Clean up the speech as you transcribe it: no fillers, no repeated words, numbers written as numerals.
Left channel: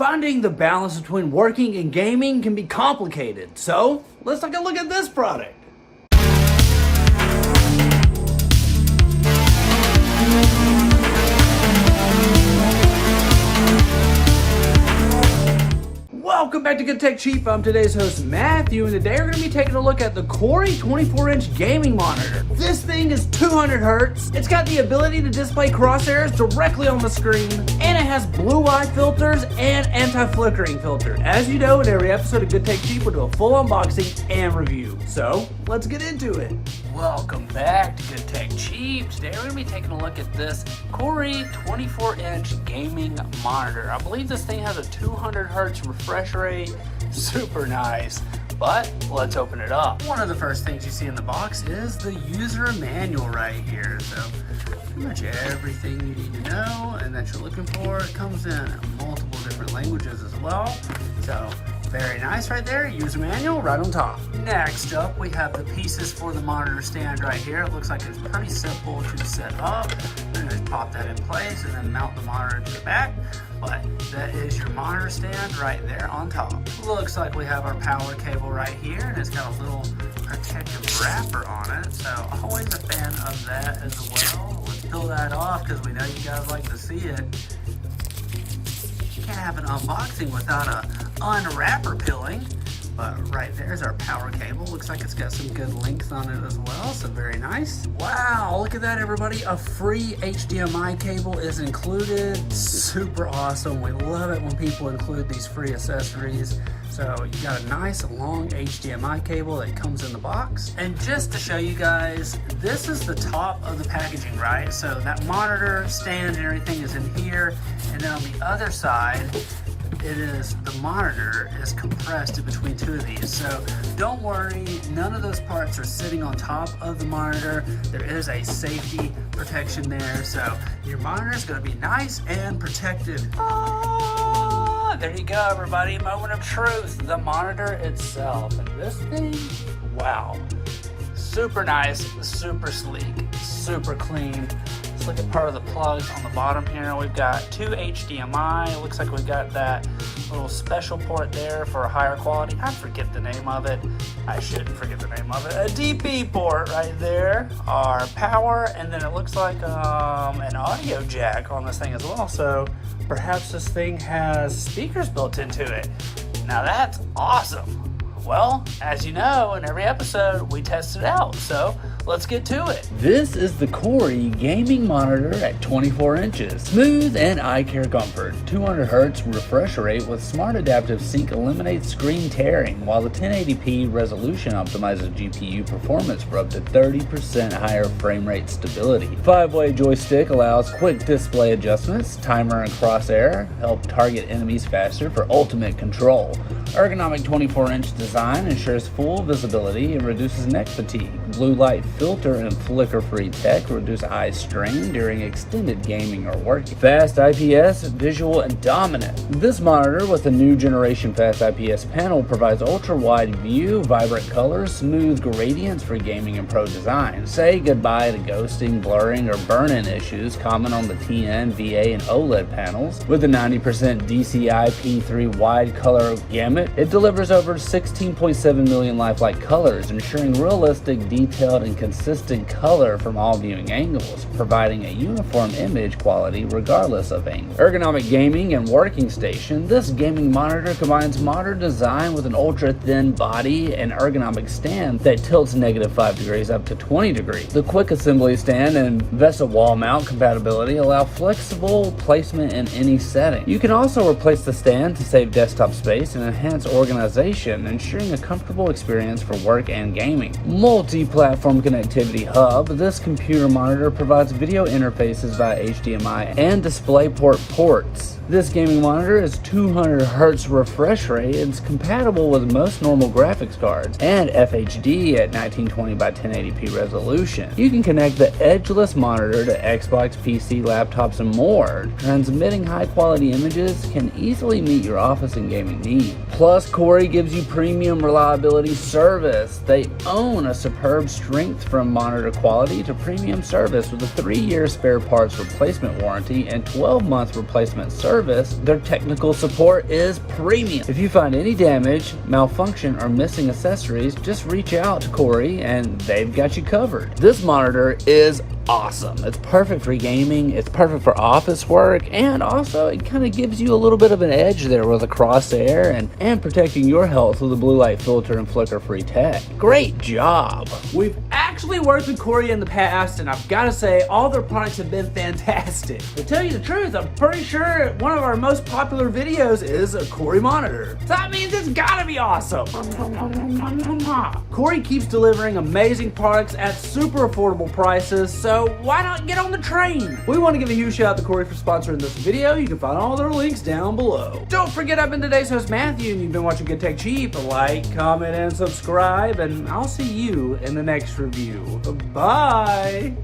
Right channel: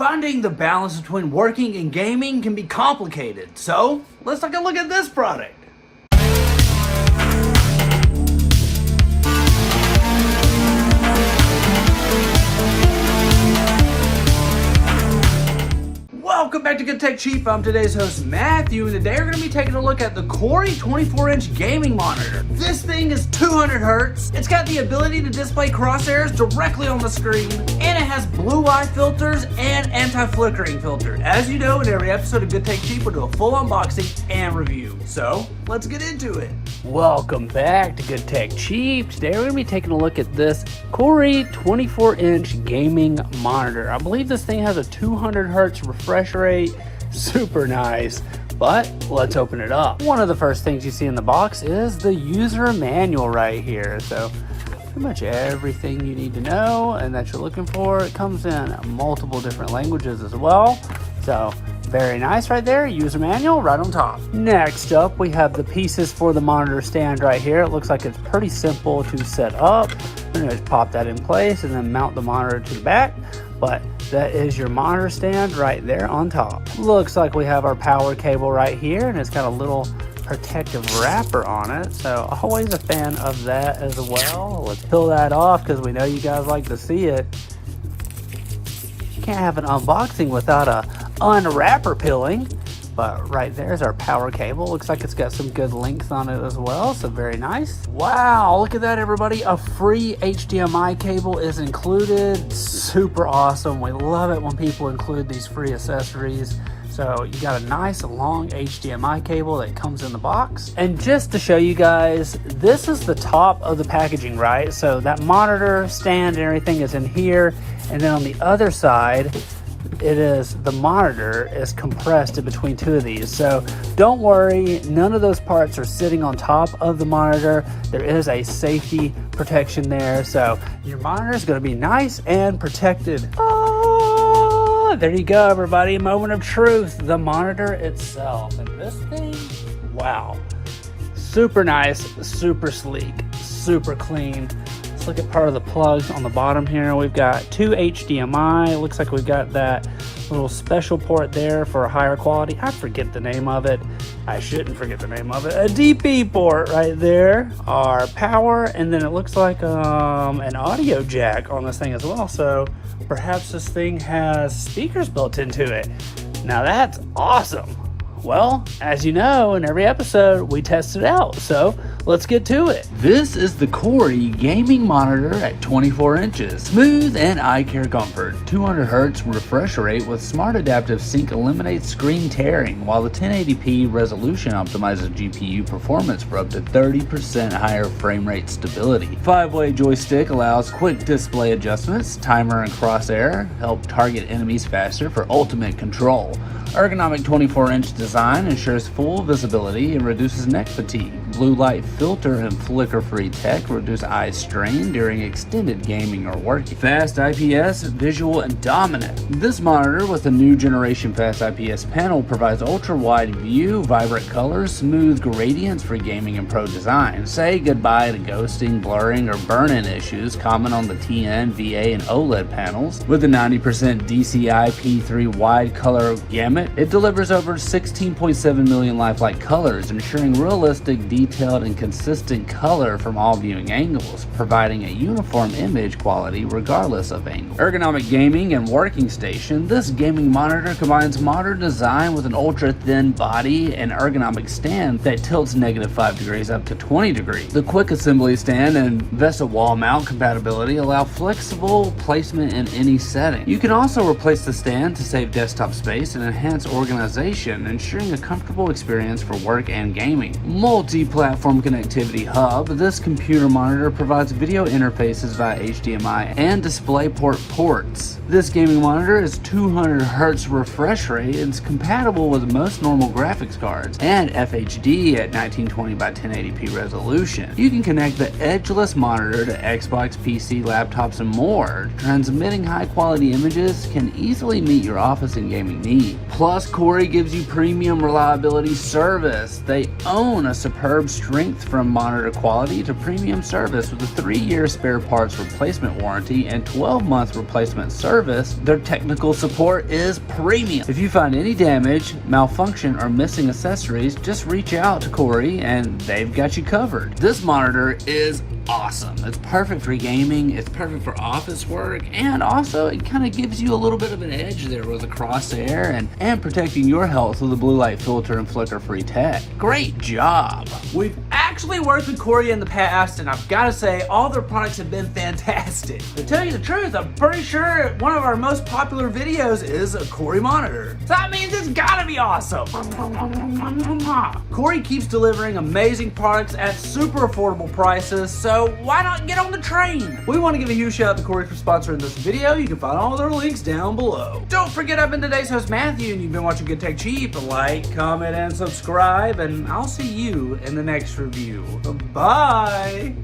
Finding the balance between working and gaming can be complicated, so let's take a look at this product. Welcome back to Good Tech Cheap. I'm today's host Matthew, and today we're going to be taking a look at the KOORUI 24-inch gaming monitor. This thing is 200 Hz. It's got the ability to display crosshairs directly on the screen, and it has blue light filters and anti-flickering filter. As you know, in every episode of Good Tech Cheap, we'll do a full unboxing and review. So let's get into it. Welcome back to Good Tech Cheap. Today we're going to be taking a look at this KOORUI 24-inch gaming monitor. I believe this thing has a 200 Hz refresh rate. Super nice, but let's open it up. One of the first things you see in the box is the user manual right here. So pretty much everything you need to know and that you're looking for. It comes in multiple different languages as well. So very nice right there, user manual right on top. Next up, we have the pieces for the monitor stand right here. It looks like it's pretty simple to set up. You just pop that in place and then mount the monitor to the back. But that is your monitor stand right there on top. Looks like we have our power cable right here, and it's got a little protective wrapper on it. So always a fan of that as well. Let's peel that off because we know you guys like to see it. You can't have an unboxing without a unwrapper peeling. But right there's our power cable. Looks like it's got some good links on it as well, so very nice. Wow, look at that everybody. A free HDMI cable is included. Super awesome. We love it when people include these free accessories. So you got a nice long HDMI cable that comes in the box. And just to show you guys, this is the top of the packaging, right? So that monitor stand and everything is in here. And then on the other side, the monitor is compressed in between two of these. So don't worry, none of those parts are sitting on top of the monitor. There is a safety protection there. So your monitor is going to be nice and protected. Oh, there you go, everybody. Moment of truth. The monitor itself. And this thing, wow. Super nice, super sleek, super clean. Let's look at part of the plugs on the bottom here. We've got two HDMI. It looks like we've got that little special port there for a higher quality. I forget the name of it. I shouldn't forget the name of it. A DP port right there. Our power, and then it looks like an audio jack on this thing as well. So perhaps this thing has speakers built into it. Now that's awesome. Well, as you know, in every episode, we test it out, so let's get to it. This is the KOORUI gaming monitor at 24 inches. Smooth and eye care comfort. 200 Hz refresh rate with smart adaptive sync eliminates screen tearing, while the 1080p resolution optimizes GPU performance for up to 30% higher frame rate stability. 5-way joystick allows quick display adjustments. Timer and crosshair help target enemies faster for ultimate control. Ergonomic 24-inch design ensures full visibility and reduces neck fatigue. Blue light filter and flicker-free tech reduce eye strain during extended gaming or working. Fast IPS, visual and dominant. This monitor with a new generation fast IPS panel provides ultra-wide view, vibrant colors, smooth gradients for gaming and pro design. Say goodbye to ghosting, blurring, or burn-in issues common on the TN, VA, and OLED panels. With a 90% DCI P3 wide color gamut, it delivers over 16.7 million lifelike colors, ensuring realistic, detailed, and consistent color from all viewing angles, providing a uniform image quality regardless of angle. Ergonomic gaming and working station. This gaming monitor combines modern design with an ultra-thin body and ergonomic stand that tilts -5 degrees up to 20 degrees. The quick assembly stand and VESA wall mount compatibility allow flexible placement in any setting. You can also replace the stand to save desktop space and enhance organization, ensuring a comfortable experience for work and gaming. Multi-platform connectivity hub. This computer monitor provides video interfaces via HDMI and DisplayPort ports. This gaming monitor is 200 Hz refresh rate and is compatible with most normal graphics cards and FHD at 1920 by 1080p resolution. You can connect the edgeless monitor to Xbox, PC, laptops, and more. Transmitting high-quality images can easily meet your office and gaming needs. Plus, KOORUI gives you premium reliability service. They own a superb superb strength from monitor quality to premium service with a 3-year spare parts replacement warranty and 12-month replacement service. Their technical support is premium. If you find any damage, malfunction, or missing accessories, just reach out to KOORUI and they've got you covered. This monitor is awesome. It's perfect for gaming, it's perfect for office work, and also it kind of gives you a little bit of an edge there with a crosshair and protecting your health with a blue light filter and flicker-free tech. Great job! We've actually worked with KOORUI in the past, and I've got to say, all their products have been fantastic. To tell you the truth, I'm pretty sure one of our most popular videos is a KOORUI monitor. So that means it's gotta be awesome! KOORUI keeps delivering amazing products at super affordable prices, so why not get on the train? We want to give a huge shout out to KOORUI for sponsoring this video. You can find all their links down below. Don't forget, I've been today's host, Matthew, and you've been watching Good Tech Cheap. Like, comment, and subscribe, and I'll see you in the next review. Bye!